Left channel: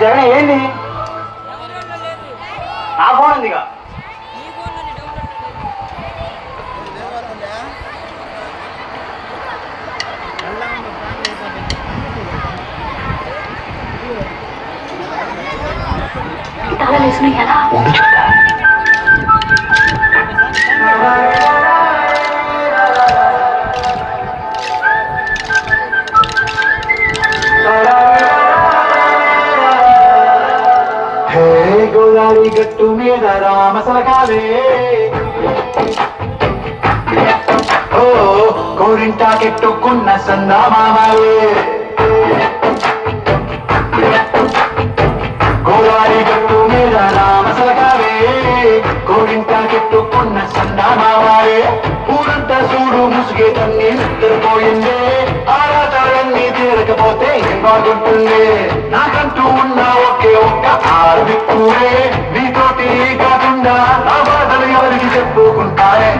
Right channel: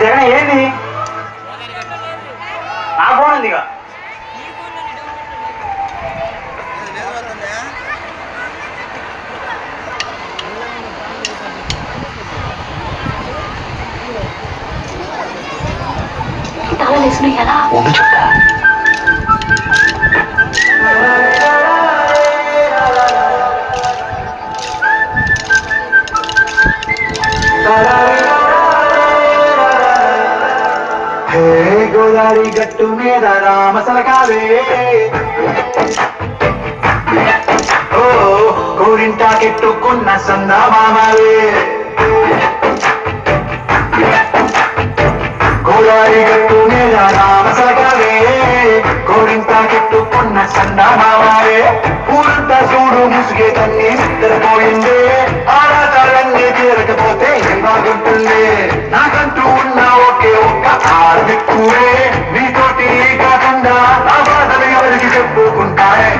జగన్ ఏంది నా ఫోన్ ఉందిగా ఎలా గోదావరి గట్టు మీద రామసలకావే ఓ కోరింటా కెట్టుకున్న సందామావే గోదావరి గట్టు మీద రామసలకావే కోరింటా కెట్టుకున్న సందామావే ఊరంతా చూడు ముసుగే తన్ని నిద్రపోయిందే ఆరాటాలన్నీ తీరకపోతే ఏం బాగుంటుంది నాకంటూ ఉన్న ఒకే ఒక్క ఆర్మిక్కువే నీతోటి కాకుండా ఆ బాధలు ఎవరికి చెప్పుకుంటారే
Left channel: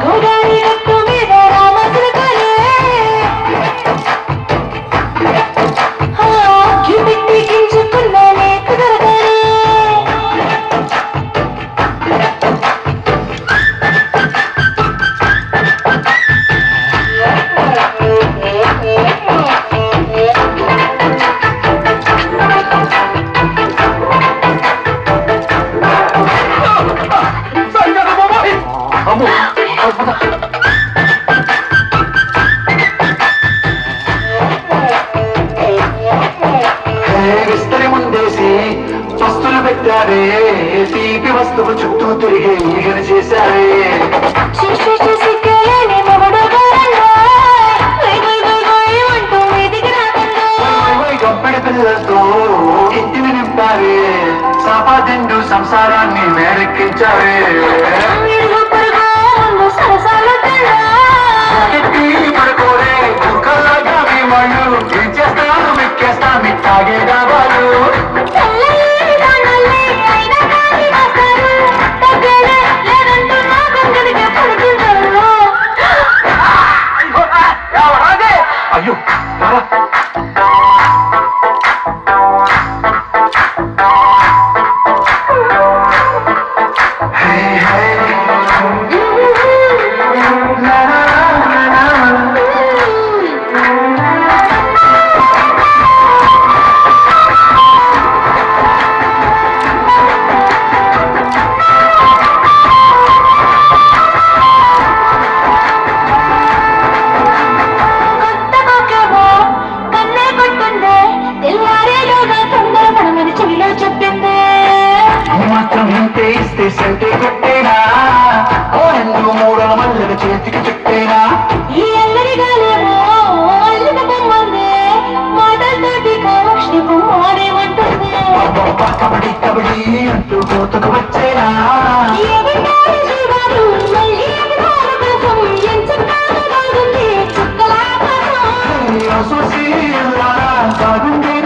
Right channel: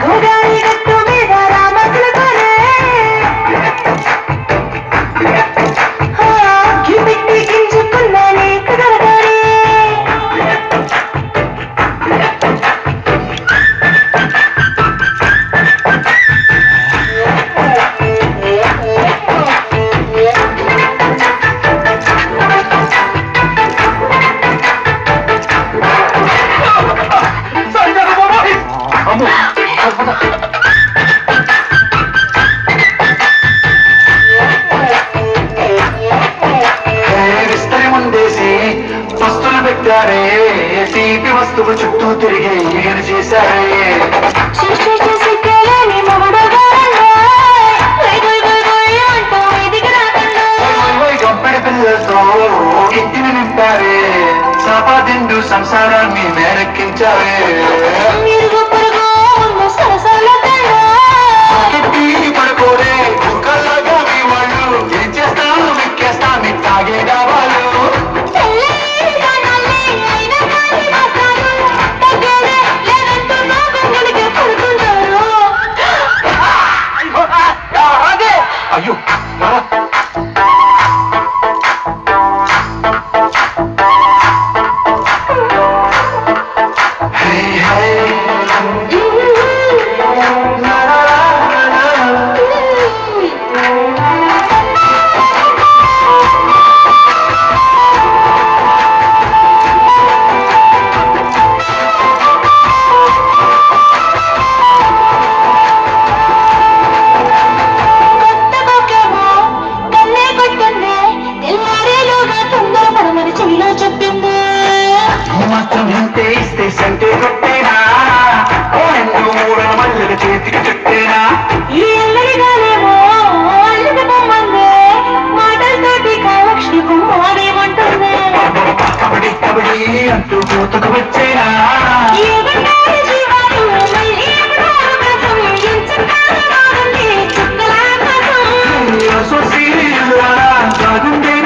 విస్తరి ముందేసి వస్తువులు పెట్టారే తీపి వస్తువు చుట్టూ తిరిగి ఈగలు చేశారే గప్పడి పిల్లలతో ఇంటిని నింపారే సంపాదిండు సంసారాన్ని మేరెక్కించారే పడుకోరే దుఃఖంగా మీ వాళ్ళు ఏం చేస్తాను మెక్కేస్తా మీ తాగే డాబాలు ఈ మాత్రం ఇంతే ఇస్తే సంటే కొట్టేనా ఓ రెండు మూడల మల్లెల చేతికి చుట్టేనా ఈ అల్లరి గాలేమో అల్లరి బొమ్మందే మాటలతోటి కాలక్షి బొమ్మదేమంటుందే కబడి కబడి అంటూ కోతకు వచ్చేనా ఏమంటారు శివాలు మళ్ళీ ఎదురు కోసం ఎంచుకాల వాడకి చుక్కలా కోసం బాగుండే